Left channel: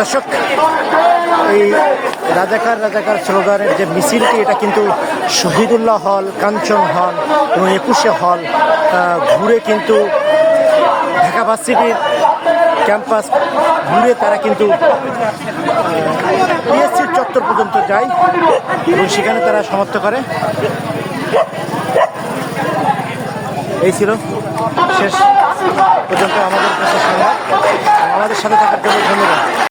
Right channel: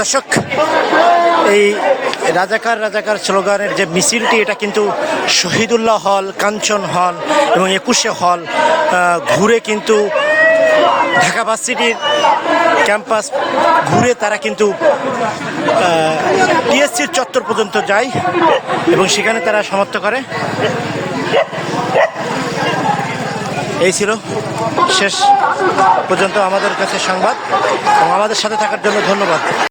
দর্শক এই রাজাকার রাজাকার স্লোগানের যে মিছিলটি, এটা কিন্তু শহীদুল্লাহ হল, কাঞ্চন হল এবং একুশে হল ঘুরে কিন্তু ঢাকা ভার্সিটির ক্যাম্পাস ঘুরে তারা কিন্তু টিএসসির চত্বর পর্যন্ত যায় এবং সেখানে তারা সমাপ্ত করে। এই ছিল শেষ পর্যন্ত আমাদের কাছে সংবাদ। আমাদের সাথে থাকার জন্য ধন্যবাদ।